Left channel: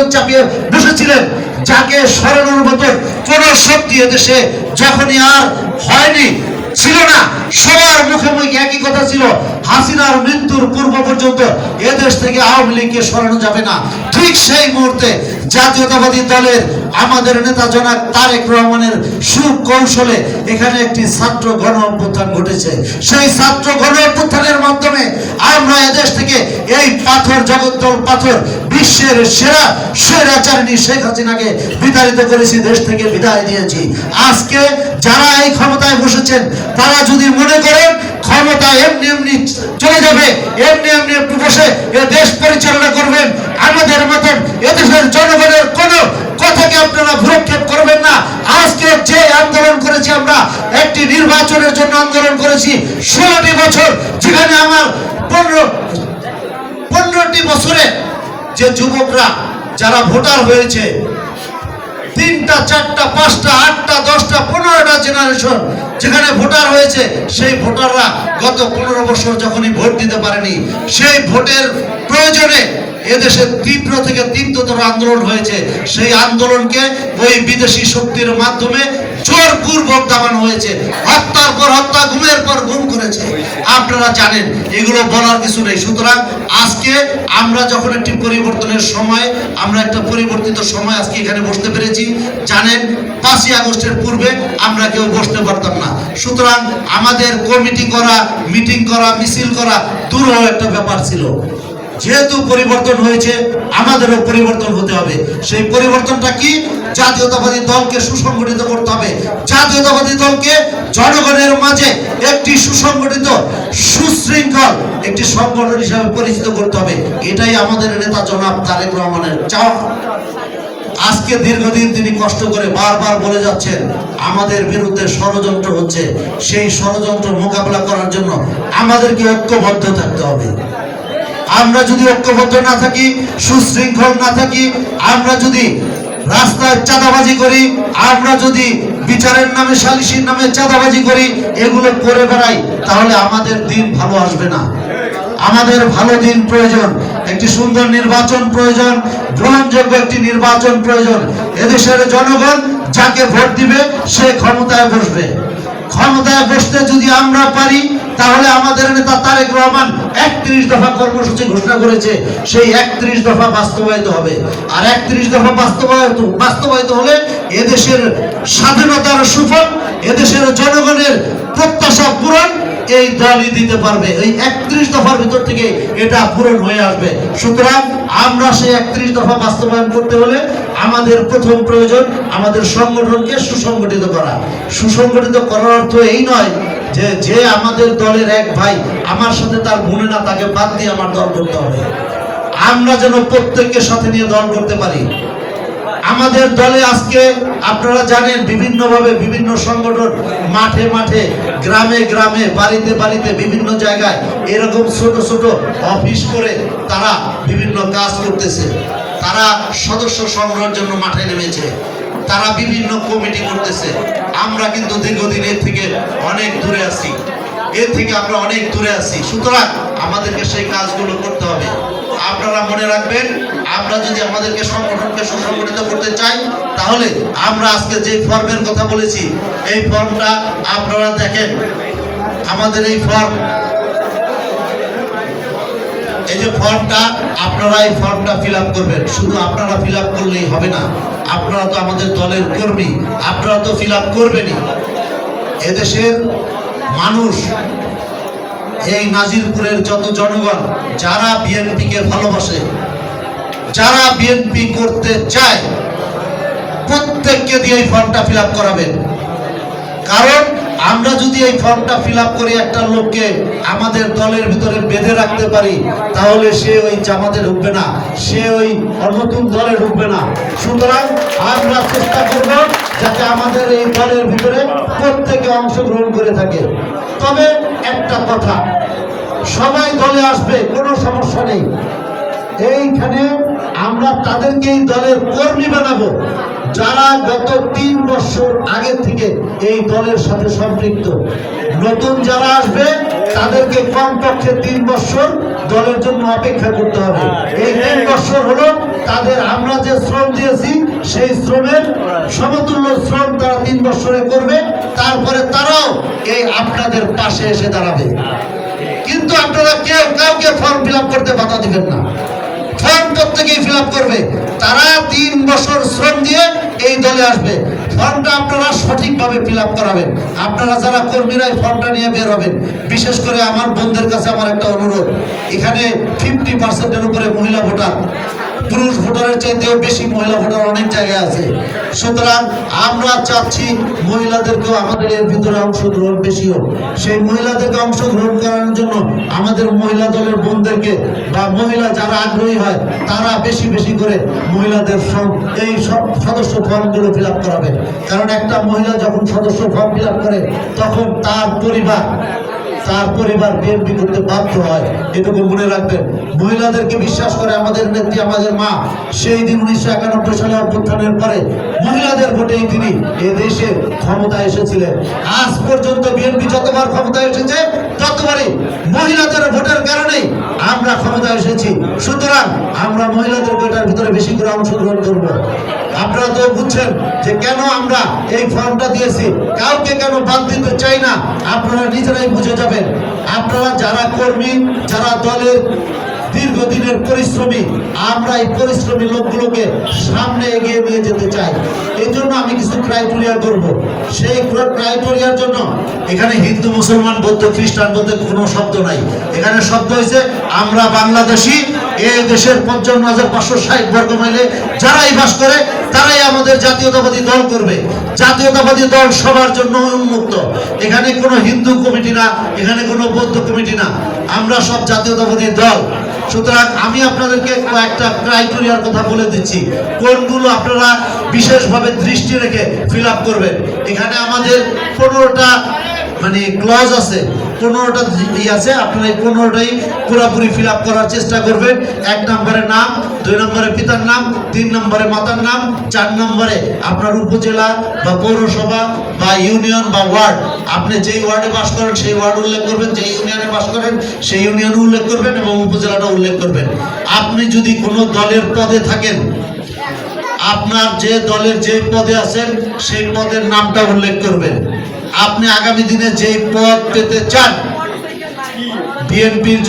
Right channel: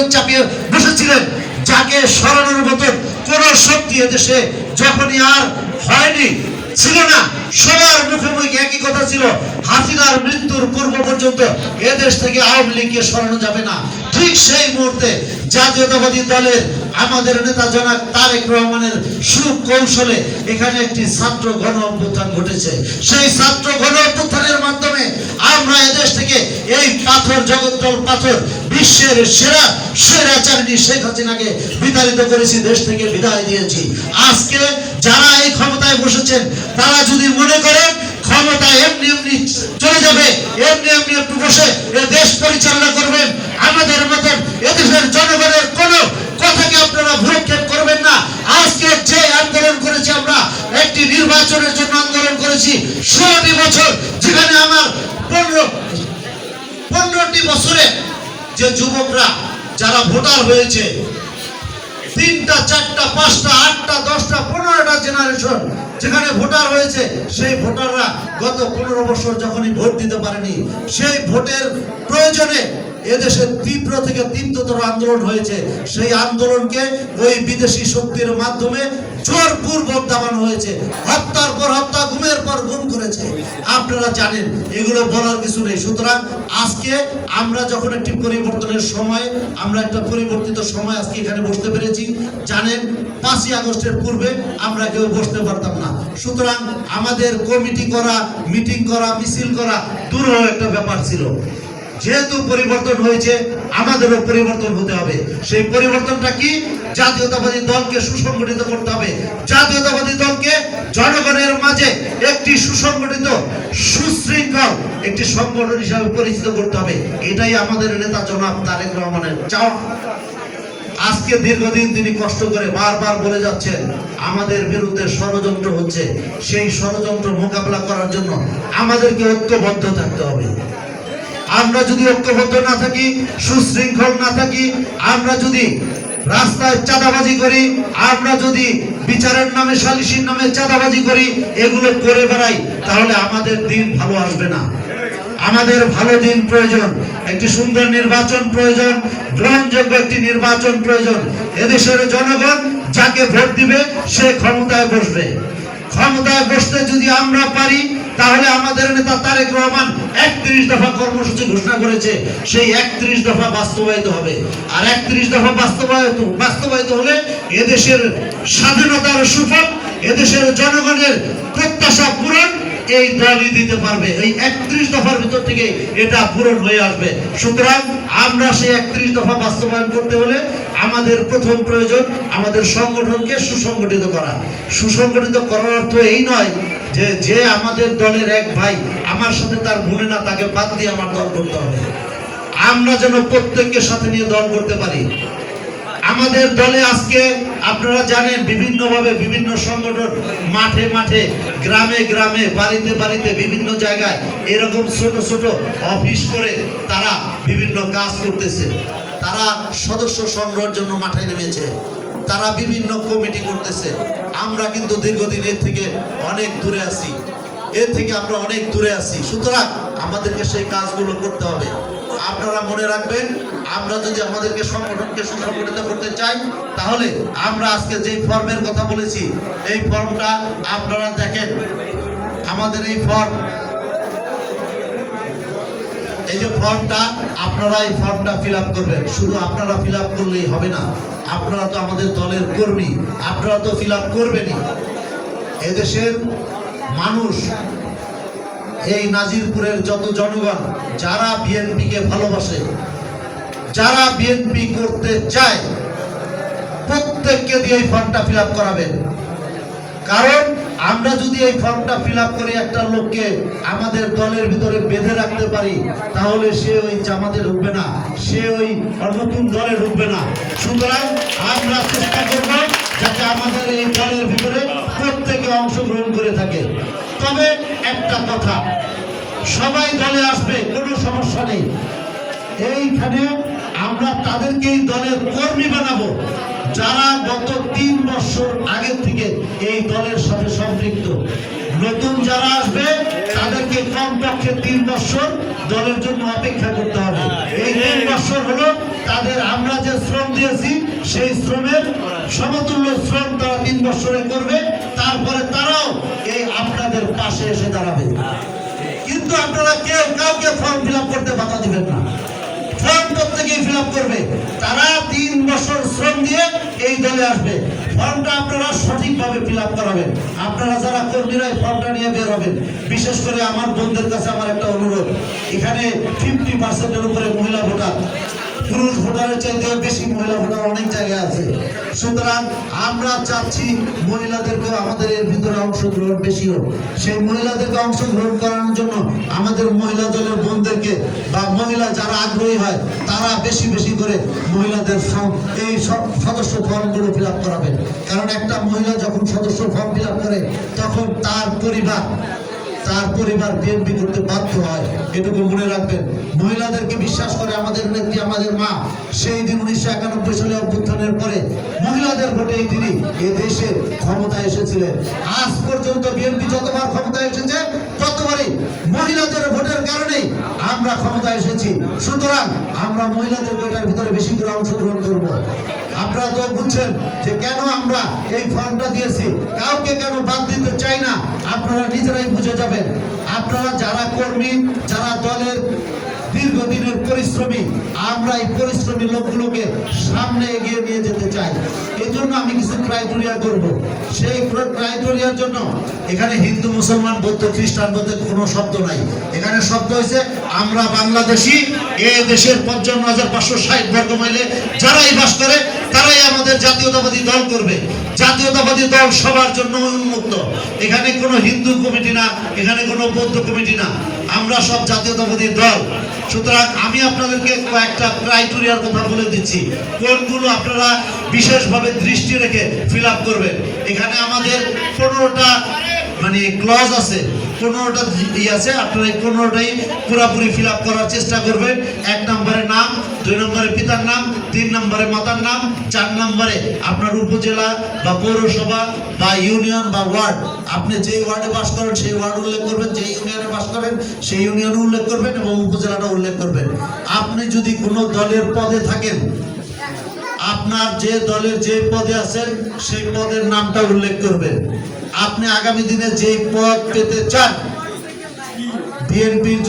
মতন চাপিয়ে বসেছিলেন, যাকে সরানোর মতন কোন শক্তি এদেশে যখনই আর হয়নি, ছিল না। সবার মুখোমুখি একই কথা ছিল, হাসিনার মৃত্যুর পূর্ব পর্যন্ত এদেশ থেকে আওয়ামী লীগকে সরানো যাবে না। ঠিক সেই মুহূর্তে জাতীয়তাবাদী দলের আমাদের নেতা জনাক তারেক রহমানের সুকৌশলে এখানে একটি ছাত্র গণ অভ্যুত্থান ঘটেছে। সেই ছাত্র গণ অভ্যুত্থানের মাধ্যমে আমরা এদেশ থেকে এই পাথর, জগদ্দল পাথর, বিশ্বের সেরা স্বৈরাচারিণী শেখ হাসিনাকে বিতাড়িত করেছি, দেশ থেকে বিদায় দিয়েছি আজকে যারা এই ক্ষমতায় বসেছেন, তারা যদি মনে করেন, ক্ষমতা এমনি এমনি চলে যাবে, এমনি এমনি বসে এ দেশ পরিচালনা করবেন, আমাদের মতন এদেশের জনগণের কোনো কথাকে আপনারা করবেন না। আজকে যে আন্দোলন করেছি আমরা, একটি নির্বাচনের জন্য আন্দোলন করেছি, ষোলোটি বছর, যেখানে আমার পনেরো পনেরোটি বছরে যে যুবকরা, যারা ভোটার হয়েছে, তিনটা, চারটা, পাঁচটা, আটটা, দশটা, পনেরোটা জেনারেশন যেখানে ভোটার হয়েছে, সেই ভোটাররা গত পনেরো বছর যখনই ভোট দিতে পারেনি, সেই ভোটের প্রয়োজনে এদেশে তীব্র থেকে তীব্রতর আন্দোলন হয়েছে। সেই আন্দোলনকে ওই বিদেশি শক্তির মাধ্যমে জোরপূর্বক দাবানো হয়েছে। হত্যার পর হত্যা গুমের পর গুম করেছে। আপনারা জানেন, এগুলো বলার কিছু নেই। সুতরাং আজকে আমরা যখন একটি পরিবর্তনের সময়, আমরা একটা পরিবর্তিত সময় আজকে এখানে বসতে পেরেছি। জানেন, পাঁচই আগস্টের পূর্বে আমরা কেউ বসতে পারতাম না। সুতরাং আমাদের কমিটি করা, মিটিং করা, মিছিল করা দূরহ একটা ব্যাপার ছিল। যেহেতু পরিবর্তন হয়েছে, আমাদেরও পরিবর্তন হতে হবে। সেই পরিবর্তনটা কি? জাতীয়তাবাদী দলকে সুসংগঠিত করতে হবে। জাতীয়তাবাদী দলকে জনগণের মাঝে একটি সুসংগঠিত, সুশৃঙ্খল একটি সংগঠন হিসাবে পরিচিত করতে হবে। এটাই আমাদের নেতা জনাব তারেক রহমানের চাওয়া। আজকে দীর্ঘদিন তিনি কষ্ট করে বারবার বলে যাচ্ছেন, আমাদের বিরুদ্ধে ষড়যন্ত্র হচ্ছে। সেই ষড়যন্ত্র মোকাবেলা করার জন্য আমাদেরকে ঐক্যবদ্ধ থাকতে হবে। আমরা যদি ঐক্যবদ্ধ না থাকি, সুশৃঙ্খল না থাকি, আমরা যদি রাস্তায় চাঁদাবাজি করি, আমরা যদি বিচারের নামে সালিসির নামে চাঁদাবাজি করি, এগুলো করে বেড়াই, তাহলে আমাদের দিন ভালো আসবে না। আমাদের ভালো দিন প্রয়োজন। একটি সুন্দর নির্বাচন প্রয়োজন, গ্রহণযোগ্য একটি নির্বাচন প্রয়োজন। এদেশের জনগণ যাকে ভোট দিবে, সে ক্ষমতায় বসবে। ক্ষমতায় বসতে যদি আমরা পারি, তাহলে আমাদের নেতা তারেক রহমান একত্রিশ দফা কর্মসূচি ঘোষণা করেছে। সেই একত্রিশ দফা বাস্তবায়িত হবে। আর একত্রিশ দফা বাস্তবায়িত বাস্তবায়িত হলে এদেশের স্বাধীনতার সুফল, এদেশের এই দলই দিতে পারবে। এই একত্রিশ দফার ভিতর থেকে এটা পূরণ হয়ে আসবে। সুতরাং আমরা সেই একত্রিশ দফা বাস্তবায়ন করতে হলে আমাদের প্রথম প্রয়োজন আমাদের সংগঠনকে সুসংগঠিত করা। সুসংগঠিত করার অর্থ এই নয় যে যে আমাদের দলের এক ভাই, আমার সাথে তার মনে না তাকে বাদ দিয়ে আমার দল করতে হবে। আমরা যেন প্রত্যেককে সাথে নিয়ে দল করতে পারি। আমাদের দলে আজকে আপনারা জানেন বিভিন্নভাবে বিভিন্ন সংগঠন মাঠে মাঠে, গ্রামে গ্রামে, বাড়িতে বাড়িতে বিভিন্ন জায়গায় এরকম ছোট ছোট অফিস করে তারা বিভিন্ন কাজ করতেছে। তারা সদস্য সংগ্রহের জন্য মাঠে নেমেছে। তারা বিভিন্ন কমিটি করতেছে। আমরা কিন্তু দীর্ঘদিন এর থেকে অনেক দূরে আছি। এর থেকে আমরা অনেক দূরে আছি। সুতরাং আমাদেরকে সেই কাজগুলো করতে হবে। আপনারা মনে রাখবেন আমরা যদি আমাদেরকে সংগঠনকে সুসংগঠিত করতে চাই, তাহলে আমরা আজকে যে ফর্মের কথা বলেছি, এই ফর্মটা আপনারা দেখেন। আমাদের এই ফর্ম, এই যে ফর্মটা, আপনারা এই ফর্মটা ফিল করবেন। শুধু আপনারা ফিল করলেই হবে না, আপনারা তো আমাদের দলের কর্মী, আপনারা তো ফিল আপ করবেনই। এদেশের মানুষ, এই নাজিরপুরের যত জনগণ, যারা বিএনপিকে ভালোবাসে যারা বিএনপি করতে চায়, প্রত্যেককে দিয়ে এই ফর্মটা ফিল করাবেন কারণ আমরা যদি এই ফর্মটা ফিল করে একটা লোককে আমাদের দলের ভিতরে বেঁধে রাখতে পারি, তাহলে সে ওই জামাতে ঢুকবে না, সে ওই নতুন দলে ঢুকবে না। সুতরাং আমরা চেষ্টা করব যাতে আমাদের এই দলের ভিতরে প্রত্যেকে অংশগ্রহণ করে থাকে। তবে একটা কথা, সবাই দলে আসবে, কোনো সমস্যা নেই। এইখানে আমরা তাদেরকে দলের কর্মী বানাবো। যারা গত তিন বছর আগে থেকে এই দলের সাথে সম্পৃক্ত। নতুন যারা আসবে, তাদেরকে কমপক্ষে তিন বছর দলের জন্য অপেক্ষা করতে হবে। এই তিন বছর হলো তাদের আমরা যে শ্রম দিয়েছি, সেই শ্রমের সমতুল্য শ্রম তারা তিন বছরে করবে। তারপরে তারাও এই আপনাদের পাশে এসে দাঁড়াবে। কিন্তু আপনারা কেউ কাউকে ফর্ম ফিল করতে বাধা দিবেন না। ফর্ম প্রত্যেকেই ফিল করবে। তারা তিন বছর শ্রম দিয়ে এই দলে আসবে। ফর্মটা আপনারা সঠিকভাবে ফিল করাবেন। আপনারা যারা কর্মীরা এই ফর্মটা নিয়ে বের হবেন, বিশেষ করে আমার বন্ধুদের কাছে আমার একটা অনুরোধ। এখানে ফিফটি পার্সেন্টের উপরে মহিলা ভোটার। পুরুষ ভোটারের চাইতেও বেশি মহিলা ভোটার অনেক জায়গায় আছে। সুতরাং আমরা চাচ্ছি মহিলাদেরকেও আমাদের এর ভিতরে অংশগ্রহণ বেশি হোক। সেই মহিলাদেরকে অংশগ্রহণ করানোর জন্য আমাদের মহিলা দলের বোনদেরকে বা মহিলা যারা আগ্রহী হয়, তারা বেশি বেশি করে মহিলাদের এই সব সদস্য ফর্মগুলো ফিল আপ করাবেন কারণ একটা মহিলা যখন সদস্য ফর্ম ফিল আপ করে, তখন তার পরিবার তার পরিবার বিএনপি করতে বাধ্য হয়। এটুকু মনে রাখবেন। মহিলাদেরকে বিশ্বাস করে আমাদের নেত্রী, আমাদের মা, সেই দিন উনিশশো একানব্বই সালে অভ্যুত্থানের পরে মহিলাদের ভোটেই তিনি দেশে ক্ষমতা এসেছিলেন। আজ পর্যন্ত বিএনপি যতবার ক্ষমতা এসেছে, ততবারই মহিলাদের ভোটের কারণেই আমরা ক্ষমতা এসেছি। সুতরাং আমরা মহিলাদের বেশি করে অংশগ্রহণ করব। আপনারা তো বুঝছেন যে কেন আমরা এই ফর্মটা দিয়েছি। কাউকে কেন বাদ দিতে চাই না, আপনারা নিজেরাই বুঝে যাবেন। আপনারা যারা কর্মী, যারা দলের দীর্ঘদিনের পরিশ্রমী, আমরা এই পরিশ্রমী লোকগুলোকে সামনে এগিয়ে নিয়ে যেতে চাই। এই জন্য আমি কিছু ক্রাইটেরিয়া করব সেই ক্রাইটেরিয়ার জন্য এখানে হিন্দু, মুসলমান, বৌদ্ধ, খ্রিস্টান বলতে কোনো শব্দ নাই। এখানে শব্দ হয়েছে আমরা বাংলাদেশি এই দেশের পঞ্চান্ন হাজার পাঁচশো ষাট বর্গ মাইলে যারাই বাস করে, তারাই আমাদের জাতীয়তাবাদী দল করবে। জাতীয়তাবাদী দল সবার জন্য উন্মুক্ত। এখানে কোনো হিন্দু কমিটি না, এখানে কোনো বৌদ্ধ কমিটি না। আমরা সব জাতীয়তাবাদী দল। সুতরাং আমি আপনাদেরকে কয়েকটা ক্রাইটেরিয়ার কথা বলে দিচ্ছি। কোনগুলো আপনারা বিশেষভাবে দৃষ্টি রেখে ফিল করবেন? এখানে আমাদের পনেরোটা মানে ক্লজ আছে। পনেরোটা ই আছে, আপনারা এই পনেরোটাই পুরোপুরি ফিল করার চেষ্টা করবেন। এক নম্বরে নাম, দুই নম্বরে পিতার নাম, তিন নম্বরে মাতার নাম, চার নম্বরে আপনার উপজেলা বা পৌরসভা বা ইউনিয়ন বা ওয়ার্ড। আপনি যেই ওয়ার্ডে বাস করেন, সেই ওয়ার্ড উল্লেখ করবেন, যেই ইউনিয়নে বাস করেন, সেই ইউনিয়ন উল্লেখ করবেন এবং উপজেলাটা উল্লেখ করবেন। আপনি যদি কোনো দলের পদে থাকেন, আপনার যে দলের যে পদে আছেন, সেই পদের নামটা উল্লেখ করবেন। আপনি আগামী দিনে যে পদ পেতে চান বিএনপির